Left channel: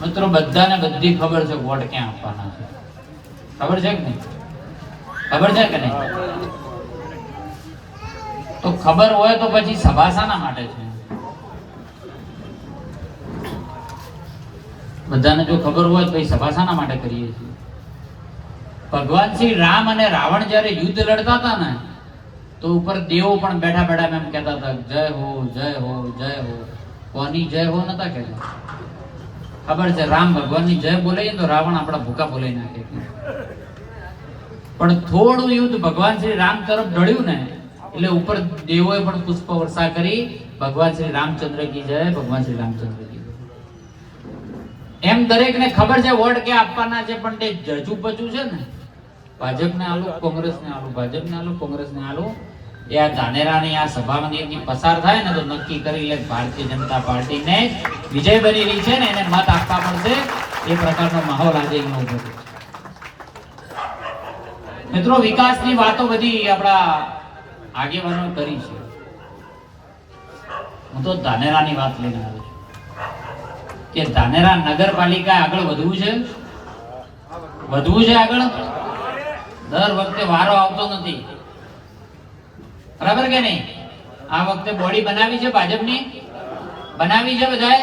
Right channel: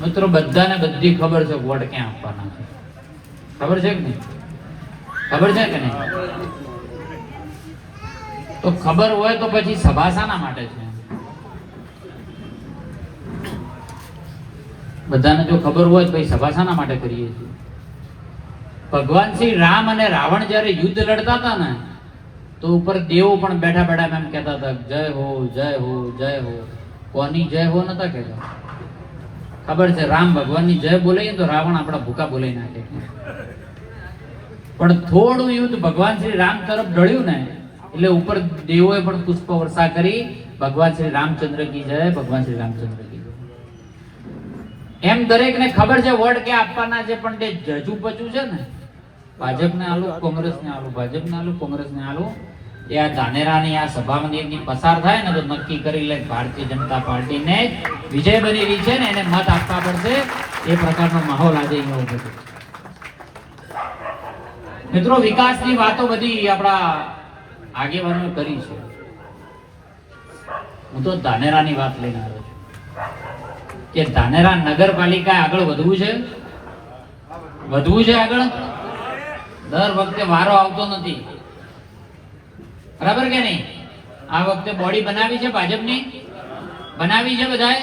મિત્રો બધાને બધી ખબર છે વોટ ક્યાં આપવાના છે, ખબર છે કે નહીં? ખબર છે કે નહીં? તો ખબર હોય તો પછી સભા શાના માટે છે? બધાને જો ખબર હોય તો સભા શાના માટે કરીએ છીએ? ભગવાન શ્રી રામ અને રાવણ જ્યારે યુદ્ધ લડતા હતા ને, તો ઉપર દેવો પણ બેઠા બેઠા એમ કહેતા હતા જય હો જય હો જય હો. કોની જય હો નતા કહેતા? ખબર છે રામ ભગવાનની જય બોલાઈએ તો રાવણ આપણા ભૂકા બોલાઈ નાખે. પણ થોડું યુદ્ધ ભગવાન શ્રી રામ તરફ ઢળ્યું ને એટલે ઉપર દેવોએ પણ પુષ્પ વર્ષા કરી ભગવાન શ્રી રામચંદ્ર કી જય, ભગવાન શ્રી રામચંદ્ર કી જય. એમ દરેકને ખબર છે વોટ કે આપવાના છે, પણ તે જજુ પચું છે ને, ભાજપને આલું કોંગ્રેસને આલું, ભાજપને આલું કોંગ્રેસને આલું, એ આ ધાનેરાની આ સભામાંથી પસાર થાય ને તો નક્કી કરી લે ભારતીય જનતા પાર્ટીને વિજય બનેલી છે ને એને મત આપવા પડશે. એ પ્રકારનો માહોલ આજે અહીંયા ઉભો છે. મિત્રો વિકાસની વાતો બધી આપણા આગેવાનો કરી છે. હું તો ધાનેરાની વાત લઈને આવ્યો છું કે ધાનેરા નગરપાલિકા આગળ વધવું છે, વધવું છે આગળ. દર વખતે વારો આવતો નથી, બરાબર કે નહીં? આ વખતે બોડી બનાવી છે ભાજપની, બનાવી છે બધાએ.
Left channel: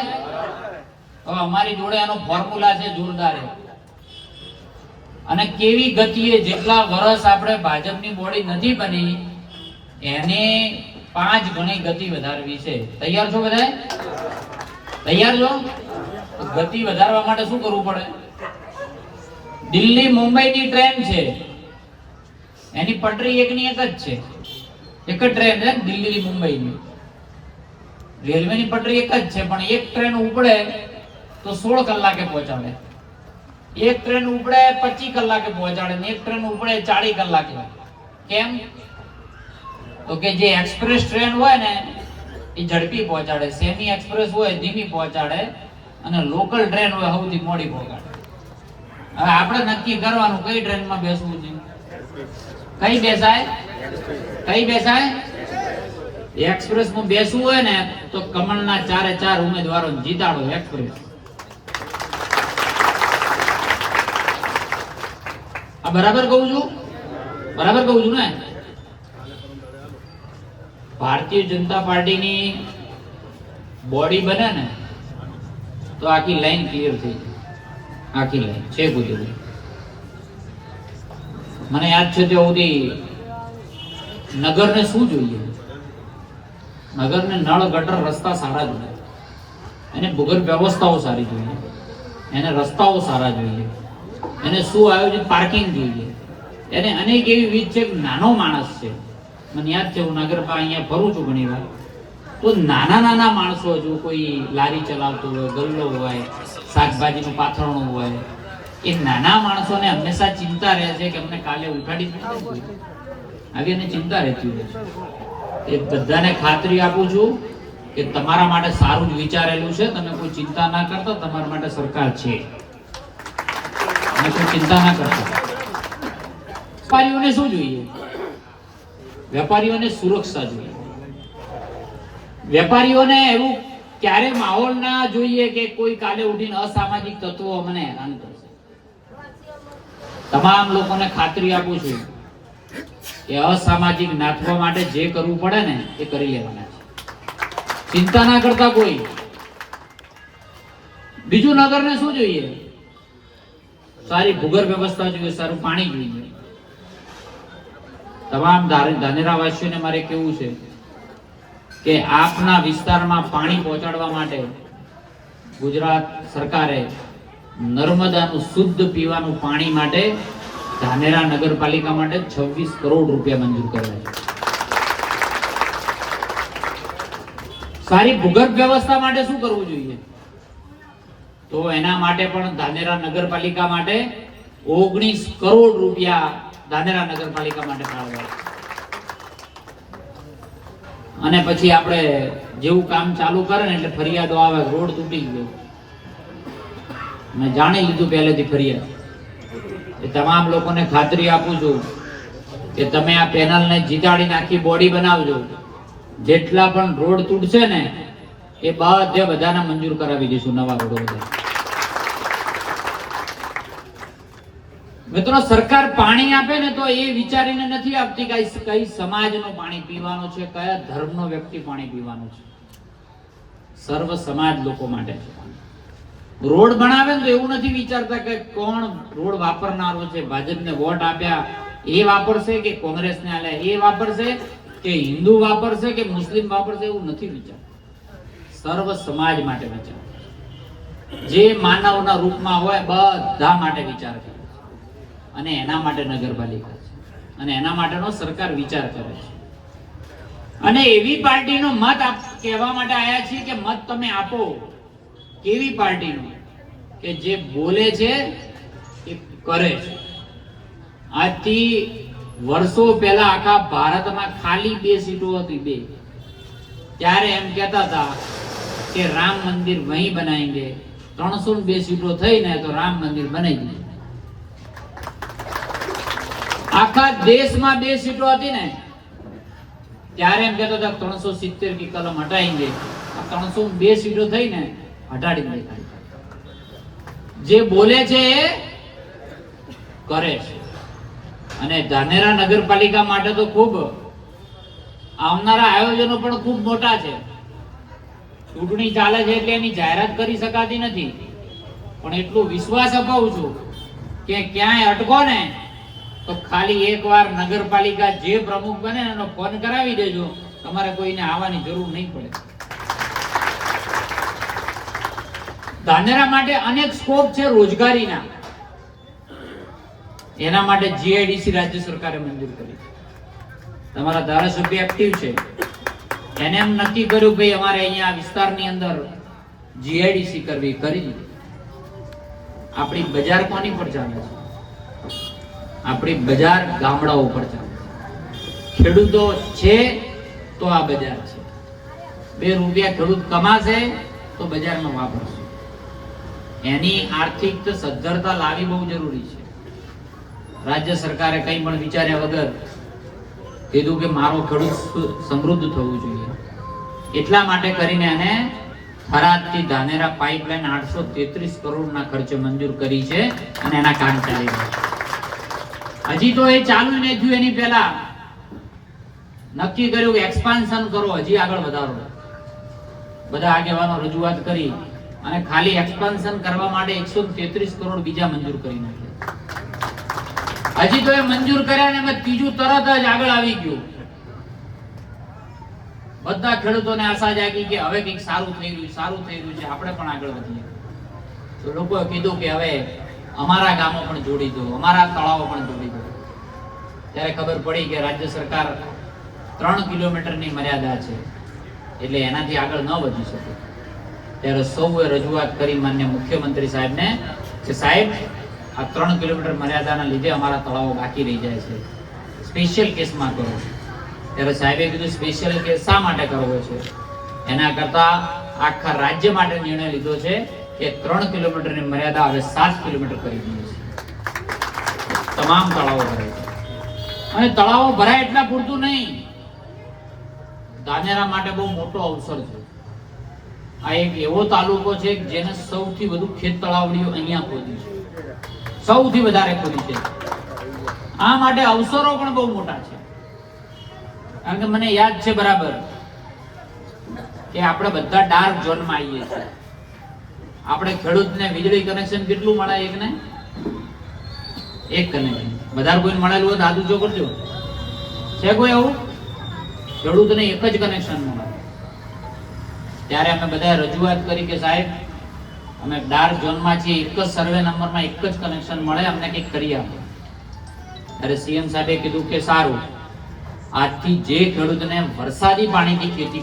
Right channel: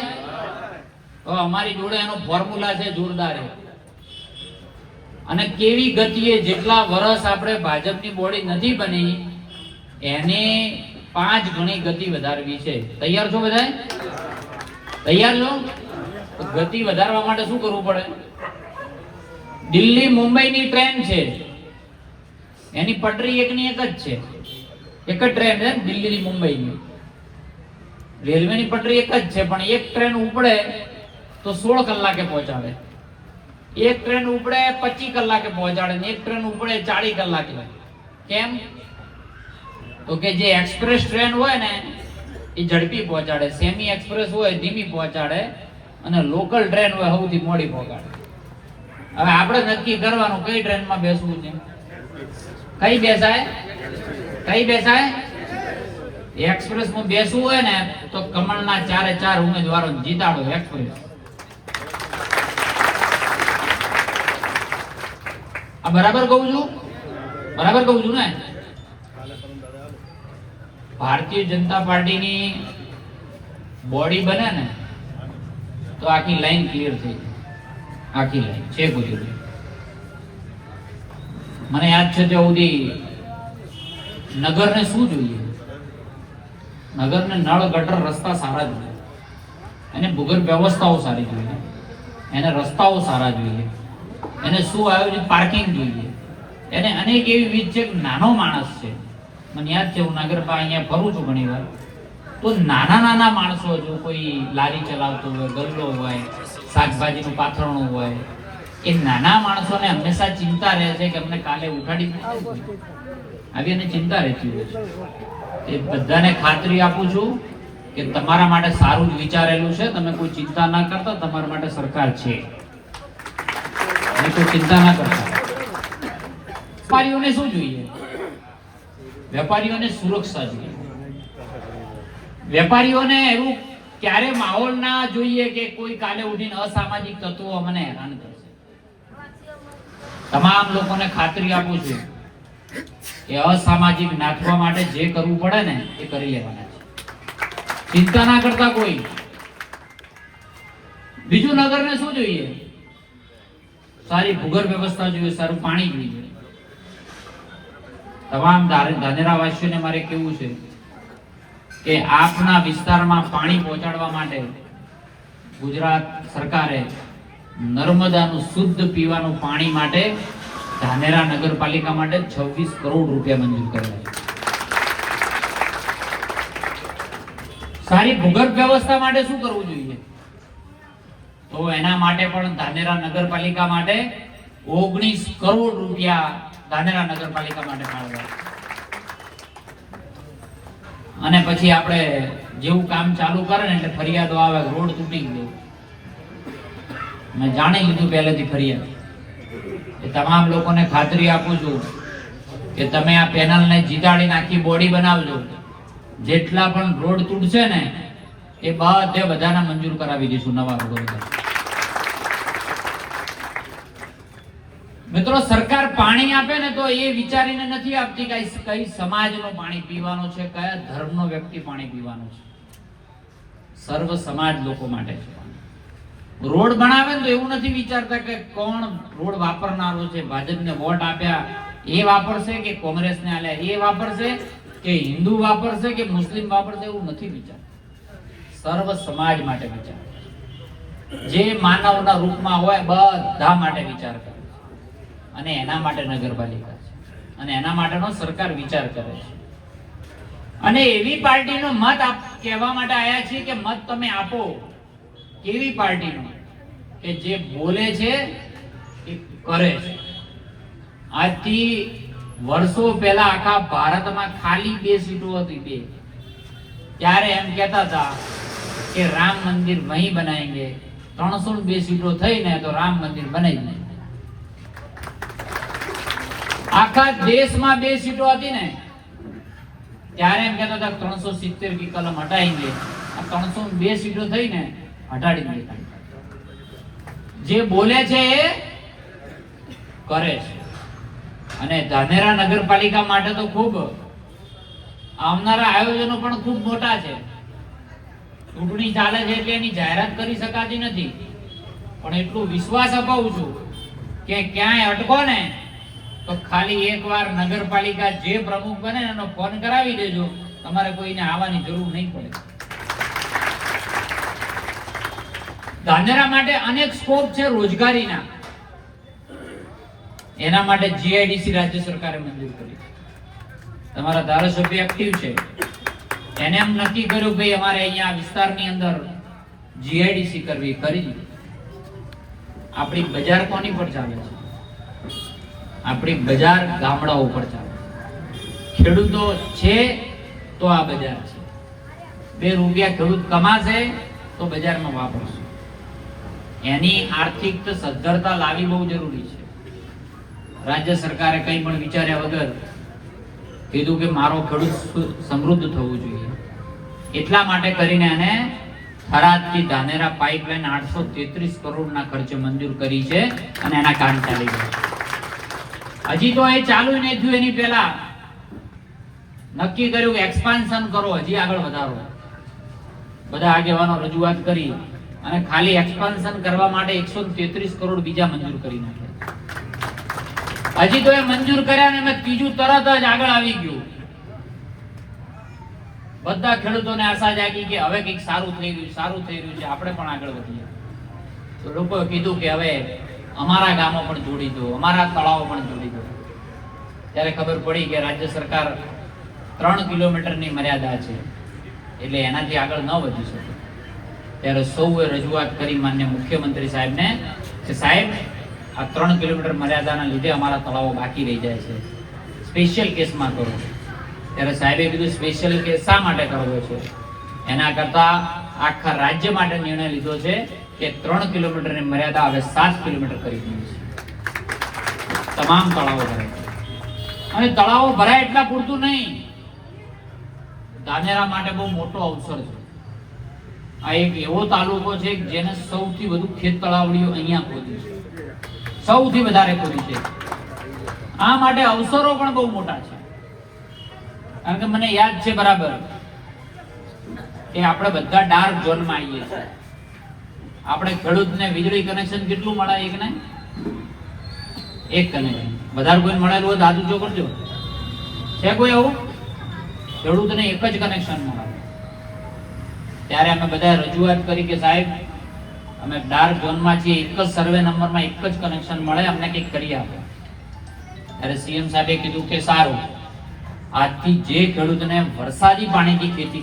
તો અમારી જોડે આનો ફોર્મ્યુલા છે જોરદાર. અને કેવી ગતિએ જેટલા વર્ષ આપણે ભાજપની બોડી નથી બની એને 5 ગણી ગતિ વધારવી છે. તૈયાર છો બધા? તૈયાર છો? ગતિ વધારવા માટે શું કરવું પડે? દિલ્હી મુંબઈની ટ્રેન છે, એની પટરી એકની એક જ છે, એક જ ટ્રેન છે દિલ્હી થી મુંબઈની. રેલવેની પટરી એક જ છે, પણ એક ટ્રેન ઉપડે તો 16 કલાકે પહોંચાડે, એક ટ્રેન ઉપડે 25 કલાકે પહોંચાડે ને એક ટ્રેન ઉપડે 40 કલાકે. કેમ? તો કે જે એક્સપ્રેસ ટ્રેન હોય ને એ ઝડપી પહોંચાડે, સેમી એક્સપ્રેસ હોય ધીમી પહોંચાડે, અને લોકલ ટ્રેન હોય સૌથી મોડી પહોંચાડે. હવે આપણે નક્કી કરવાનું કઈ ટ્રેનમાં બેસવું છે. કઈ બેસાય? કઈ બેસાય? એક્સપ્રેસ માં બેસવું હોય ને તો કમળના 4 ઉમેદવારો જીતાડો એક્સપ્રેસ. આ બરાબર કહું છું? બરાબર કહું છું ને? ભારતીય જનતા પાર્ટીની બોડી બને ને તો આખી લાઈન ક્લિયર થઈ જાય. આખી લાઈન છે કોઈ. મને યાદ છે ત્યાં સુધી નગરને શું જોઈએ? નગરને નળ ગટર રસ્તા સારા જોઈએ, એને ભૂગર્ભ વ્યવસ્થાઓ સારી જોઈએ, એને રસ્તાઓ સારા જોઈએ, એને સુઆયોજિત પાર્કિંગ જોઈએ, એને અનેક એવી વિધ છે. નાનો માણસ છે, મને યાદ છે હું નગરપાલિકા અહીંયા ફરું છું ઘણી વાર, તો નાના માણસો જો કોઈ લારી ચલાવતું હોય, ગલ્લો હોય, શાકભાજીનું પાથરણું હોય, એ નાના માણસોને હંમેશા ચિંતા રહે છે કે અમને કાલે ઉઠાડી દીધું. હવે એને ચિંતા રહેતી હોય છે. એ બધાને ખાતરી આપું છું કે તમારા માટે સારું જ વિચારેલું છે. તમે કોઈ ચિંતા ના કરતા, તમારા માટે સરકાર છે. કોઈ ચિંતા ના કરતા. વેપારીઓને શું જોઈએ? વેપારીઓને સુરક્ષા જોઈએ. વેપારીઓને એવું ક્યારે માહોલ ના જોઈએ કે કોઈ કાલે ઉઠીને અસામાજિક તત્વો મને હેરાન કરશે. તમામ લોકોને ખાતરી આપું છું કે અસામાજિક નાથવા માટે જે કરવું પડે ને એ કરી લેવાના છે. ચિંતા ના કરતા કોઈ. બીજું નગરને શું જોઈએ? સારી ભૂગર્ભ વ્યવસ્થા જોઈએ, સારું પાણી જોઈએ. તમામ ધાનેરાવાસીઓને મારે કેવું છે કે આપના વિસ્તારમાં પાણી પહોંચાડવા માટે ગુજરાત સરકારે નર્મદાનું શુદ્ધ પીવાનું પાણી માટે ધાનેરા નગરપાલિકા માટે 26 કરોડ રૂપિયા મંજૂર કર્યા છે. સારી ભૂગર્ભ વ્યવસ્થા માટે શું કરવું જોઈએ? તો એના માટે પણ ધાનેરા નગરપાલિકા માટે 19 કરોડ રૂપિયા ધાનેરા નગરપાલિકા માટે ફાળવ્યા. અને પછી આપણે જેવું કામ ચાલુ કરે ને એટલે ફરિયાદો આવે, રોડ તૂટી ગયો. મેં જાણી લીધું પહેલેથી ફરિયાદ. એ તમામ લોકોને ખાતરી આપું છું કે તમે આ પેનલને જીતાડીને આખી બોડી બનાવજો. જેટલા પણ રોડ તૂટશે ને એ બધાને મંજૂર કરાવી દઈશું, નવા રોડ. મિત્રો, સરકાર પાણી આપે ને તો એ વિચારીને નથી આપતી કે કઈ સમાજનું પાણી પીવાનું છે, કયા ધર્મનો વ્યક્તિ પાણી પીવાનું છે. સર્વ સમાજ લોકો માટે છે. રોડ બનાવે ને તો એવું નથી વિચારતા કે કોણ રોડ વાપરનારો છે, ભાજપને વોટ આપ્યા એ વાપરશે કે કોંગ્રેસને આલ્યા એ વાપરશે કે હિન્દુ વાપરશે કે મુસ્લિમ વાપરશે, એવું નથી વિચારતા. સર્વ સમાજ માટે વિચાર, જે માનવના રૂપમાં હોય બધા માટે વિચાર કરે અને એના માટે નગરપાલિકા છે અને એના માટેનો સરકાર વિચાર કરે છે. અને એવી પાર્ટીનો મત કહેવા માટે આવ્યા છીએ કે મત તમે આપો કેવી પાર્ટીનો કે જે બોલે છે એ કરે છે. આજથી વર્ષો પહેલા આખા ભારતમાં ખાલી 2 સીટો હતી, 2. ત્યારે એમ કહેતા હતા કે રામ મંદિર વહીં બનાવેંગે. 302 સીટો થઈ ને તો રામ મંદિર બનાવી દીધું. આખા દેશમાં 2 સીટો હતી ને ત્યારે એમ કહેતા હતા 370 की कलम हटाएंगे. આ 302 સીટો થઈ ને હટાડી દીધી. જે બોલે છે એ કરે છે. અને ધાનેરા નગરપાલિકા માટે તો ખૂબ આવનારા આયોજનો પણ ખૂબ મોટા છે. ચૂંટણી ચાલે છે એટલે એની જાહેરાત કરી શકાતી નથી, પણ એટલો વિશ્વાસ અપાવું છું કે ક્યાંય અટકો ને તો ખાલી એકવાર નગરપાલિકા જે પ્રમુખ બને એનો ફોન કરાવી દેજો, તમારે કોઈને આવવાની જરૂર નહીં પડે. ધાનેરા માટે અનેક સ્કોપ છે રોજગારીના. એના માટે જીઆઈડીસી રાજ્ય સરકારે મંજૂર કરી. તમારા ધારાસભ્ય એક્ટિવ છે, એને એમ નક્કી કર્યું ભાઈ અમારે અહીંયા વિસ્તારની અંદર જીઆઈડીસી કરવી, કરી. આપણી બજાર કોની પર ચાલે છે? આપણી બજાર ગામડાઓ પર ચાલે. ખેડૂતો છે તો આ બજાર છે. 2 રૂપિયા ખેડૂત કમાશે તો બજારમાં વાપરશે. એની આર્થિક સદ્ધરતા લાવવી બહુ જરૂરી છે. રાજ્ય સરકારે કંઈ પણ વિચાર્યા વગર કીધું કે મારો ખેડૂત સમૃદ્ધ થવું જોઈએ. એટલા માટે કરીને એને થરાદથી ધાનેરા પાઇપલાઇન 833 કરોડના ખર્ચે મંજૂર કરી છે અને એના કામ ચાલી રહ્યા છે. હજી તો એ ચાલુ ન થયું, એની પહેલા નક્કી કર્યું કે એક્સપાન્શન કરો, હજી આગળ વધારો. બધા આગેવાનો રજૂઆત કરી અને ખાલી એક્સપાન્શન કરવા માટે 133 કરોડ બીજા મંજૂર કરી નાખ્યા. હજી તો એ મંજૂર કર્યા ને ત્રીજું તરત જ આગળ આવી ગયું. બધા ખેડૂતોને આશા જાગી કે હવે કંઈક સારું થઈ રહ્યું છે, આપણે પણ આગળ વધીએ. તો લોકોએ કીધું કે હવે અમારા ગામો પણ જોડી દો, અમારા તળાવો પણ જોડી દો. ત્યારે ખબર પડી કે રાજ્ય સરકાર 3 કિલોમીટરની મર્યાદા છે એટલે એનાથી આગળ ન વધી શકે. ત્યારે સૌએ રજૂઆત કરી માન્ય મુખ્યમંત્રી સાહેબને કે સાહેબ આ 3 કિલોમીટર મર્યાદાના લીધે અમારા તળાવો બાકી રહી જાય છે, સ્પેશિયલ કેસમાં કરો. ત્યારે સાહેબે કીધું સ્પેશિયલ કેસ શા માટે કરવો છે? એના કરતા આખા રાજ્ય માટે નિર્ણય લીધો છે કે 3 કિલોમીટરની મર્યાદા હવે 7 કિલોમીટર કરી દીધી છે. તમામ તળાવો ભરાય. અને તળાવો ભરાય એટલા પૂરતું નહીં, ધાનેરા માટે બહુ મોટો અવસર છે. આ એક એવો તાલુકો છે જેને સૌથી વધુ ખેત તળાવડીઓ અહીંયા ખોદી છે, સૌથી વધારે ખોદી છે. આ માટે અવસરો પણ બહુ મોટા છે. કારણ કે મને યાદ છે બરાબર કે આપણે બધા ડાર્ક ઝોનમાં આવીએ છીએ. આપણે ખેડૂતને વીજળી કનેક્શન કેટલું મળે? એક કનેક્શન. વધારે કોઈ મળેલું હોય તો હાથ ઊંચો કરજો. છે કોઈ એવું? ખેડૂતને એક જ કનેક્શન મળે. ત્યારે અમે બધા રજૂઆત કરી કે સાહેબ અમે ડાર્ક ઝોનમાં છીએ, એક જ સર્વે નંબરમાં એક જ કનેક્શન મળે, અમને કંઈક કરી આપો. ત્યારે સીએમ સાહેબે કીધું કે સારું, આજથી જે ખેડૂતને વરસાદી પાણીથી ખેતી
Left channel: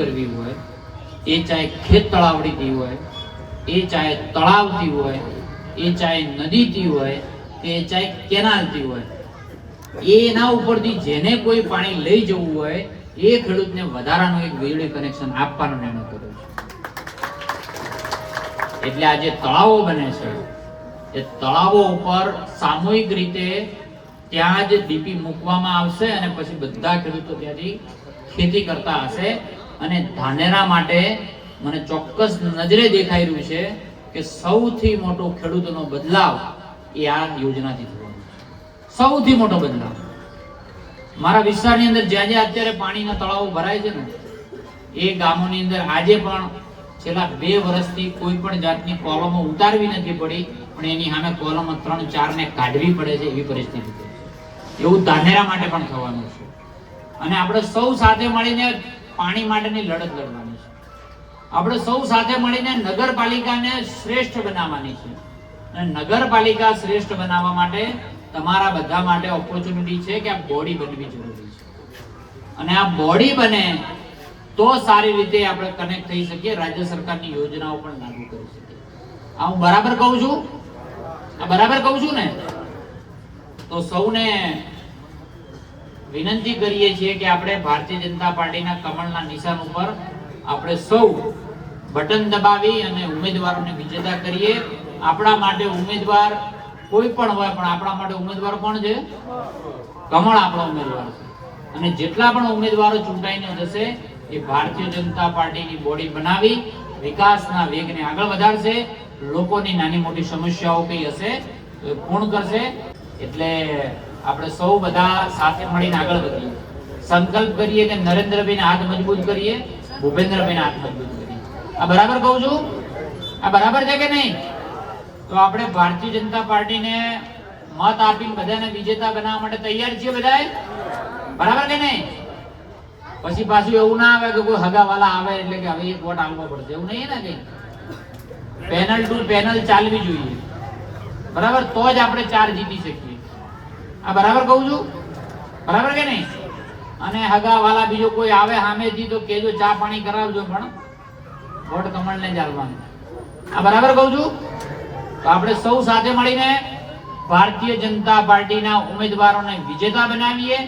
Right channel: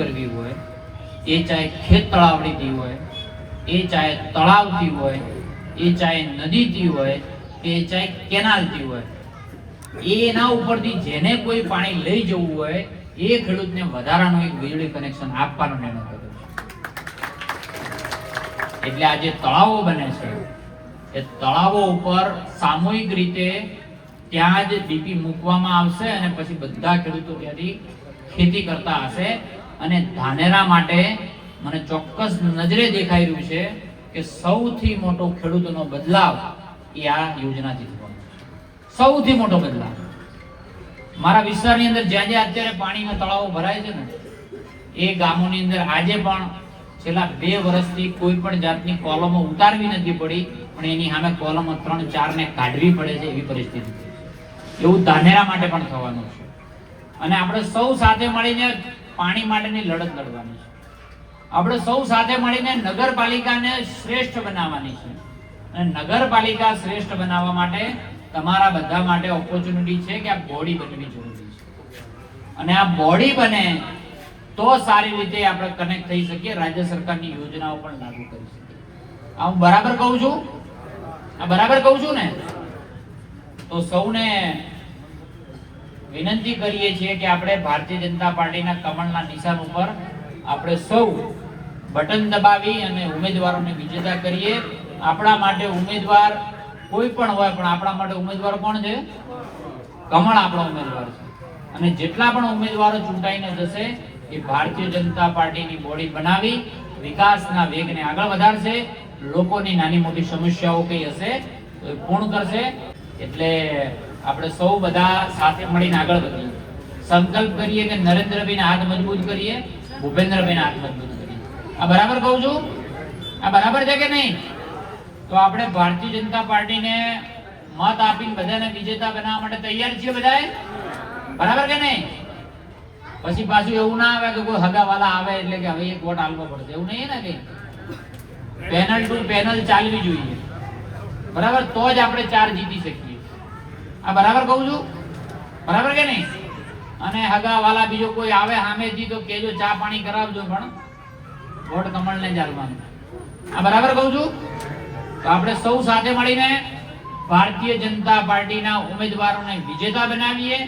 કરવી હોય, એ ચાહે ખેત તળાવડીથી હોય, એ ચાહે તળાવથી હોય, એ ચાહે નદીથી હોય, કે ચાહે કેનાલથી હોય, એના ઉપરથી જેને કોઈ પાણી લઈ જવું હોય એ ખેડૂતને વધારાનું એક વીજળી કનેક્શન આપવાનો નિર્ણય કર્યો છે. એટલે આ જે તળાવો બને છે એ તળાવો ઉપર સામૂહિક રીતે ત્યાં જ ડીપી મૂકવામાં આવશે અને પછી બધા ખેડૂતો ત્યાંથી ખેતી કરતા હશે. અને ધાનેરા માટે મને ચોક્કસ નજરે દેખાઈ રહ્યું છે કે સૌથી મોટો ખેડૂતોનો બદલાવ એ આ યોજનાથી થવાનો છે. સૌથી મોટો બદલાવ મારા વિસ્તારની અંદર જ્યાં જ્યાં અત્યારે પાણીના તળાવો ભરાય છે ને એ ગામોની અંદર આજે પણ છેલ્લા 2 વર્ષથી કોઈ પણ જાતની કોલમો ઉતારવી નથી પડી, પણ એની સામે કોલમો 3-4 ને કાઢવી પડે છે એવી પરિસ્થિતિ છે. એવું ધાનેરા માટે પણ થવાનું છે. અને આપણે સૌ સાથે મળીને પાણી માટેની લડત લડવાની છે. આપણે સૌ સાથે મળીને નગરપાલિકાને શ્રેષ્ઠ બનાવવાની છે. અને નગરપાલિકા શ્રેષ્ઠ બનાવવા માટે તમારા બધા માટે ઓપોર્ચ્યુનિટી છે કે આ બોડી બનવી જરૂરી છે. અને આ બોડી બને તો સારી રીતે આપણે કનેક્ટ થઈ શકીએ, રાજ્ય સરકારની યોજનાઓ પણ લાગુ કરી શકીએ. આ હું બરાબર કહું છું? આ બરાબર કહું છું ને? તો સૌને વિનંતી કરીએ છીએ કે આપણે ભારતીય જનતા પાર્ટીના કમળના નિશાન ઉપર આપણે સૌ બટન દબાવી અને ઉમેદવારોને વિજેતા કરીએ. આપણા માટે ઉમેદવાર કોઈ પણ હોય, પણ આપણા માટે ઉમેદવાર કોણ છે? કમળ આપણો ઉમેદવાર છે. અને જેટલા પણ ઉમેદવારો ચૂંટાઈને જશે એ ભારતીય જનતા પાર્ટીની બોડી બનાવી વિકાસના વેગને આગળ વધારશે. લોકોની નાની મોટી સમસ્યાઓ કઈ હશે તો એ પૂર્ણ કરશે. એટલે આપણે સૌ બધા સાથે મળીને આગળ વધીએ. સંકલ્પ કરીએ કે નરેન્દ્રભાઈને હાથ મજબૂત કરીએ, ભૂપેન્દ્રભાઈને હાથ મજબૂત કરીએ. આ બરાબર કહું છું? આ બરાબર છે કે નહીં? તો આપણે ભારતીય જનતા પાર્ટીને મત આપીને બધાને વિજેતા બનાવવા માટે તૈયાર છીએ બધાએ? બરાબર કે નહીં? પછી પાછું એવું ના આવે કે કોઈ હગાવાલા આવે એટલે કે હવે 1 વોટ આપવો પડશે, એવું નહીં ને. કઈ પેનલ ટુ પેનલ ચાલવી જોઈએ, બરાબર? તો જ આપણે 4 જીતી શકીએ. આ બરાબર કહું છું? બરાબર કે નહીં? અને હગાવાલા બીજો કોઈ આવે સામેથી તો કેજો ચા પાણી કરાવજો, પણ વોટ કમળને જ આપવાનો. આ બરાબર કહું છું? તો આપણે સૌ સાથે મળીને ભારતીય જનતા પાર્ટીના ઉમેદવારોને વિજેતા બનાવીએ,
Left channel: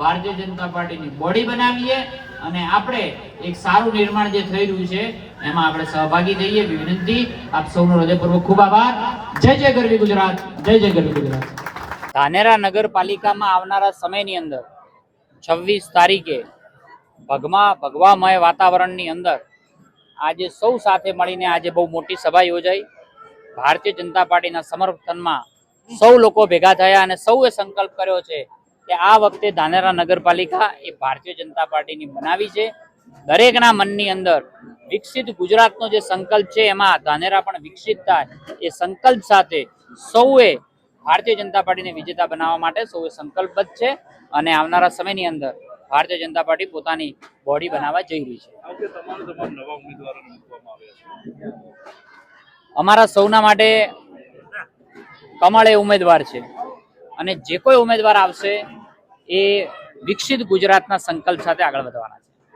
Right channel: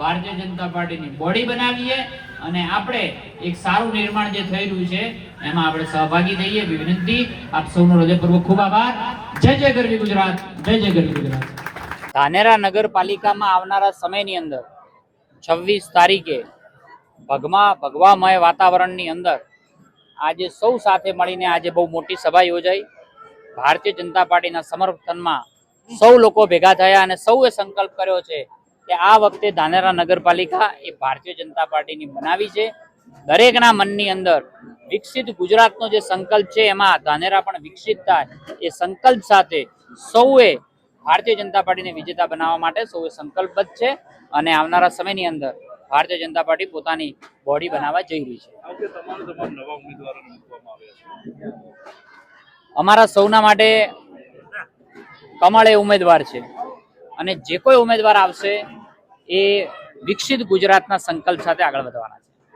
ભારતીય જનતા પાર્ટીની બોડી બનાવીએ અને આપણે એક સારું નિર્માણ જે થઈ રહ્યું છે એમાં આપણે સહભાગી થઈએ. વિનંતી. આપ સૌનો હૃદયપૂર્વક ખૂબ આભાર. જય જય ગરવી ગુજરાત, જય જય ગરવી ગુજરાત. ધાનેરા નગરપાલિકામાં આવનારા સમયની અંદર 26 તારીખે ભગવામય વાતાવરણની અંદર આજે સૌ સાથે મળીને આજે બહુ મોટી સભા યોજાઈ. ભારતીય જનતા પાર્ટીના સમર્થનમાં સૌ લોકો ભેગા થયા અને સૌએ સંકલ્પ કર્યો છે કે આ વખતે ધાનેરા નગરપાલિકા એ ભારતીય જનતા પાર્ટીની બનાવી છે. દરેકના મનની અંદર વિકસિત ગુજરાતનો જે સંકલ્પ છે એમાં ધાનેરા પણ વિકસિત થાય એ સંકલ્પ સાથે સૌએ ભારતીય જનતા પાર્ટીને વિજેતા બનાવવા માટે સૌએ સંકલ્પબદ્ધ છે. અને આવનારા સમયની અંદર ભારતીય જનતા પાર્ટી પોતાની બોડી બનાવવા જઈ રહી છે. અમારા સૌના માટે કમળ એ ઉમેદવાર છે અને જે કોઈ ઉમેદવાર આવશે એ વિકસિત ગુજરાતના સંકલ્પ સાથે આગળ વધવાના છે.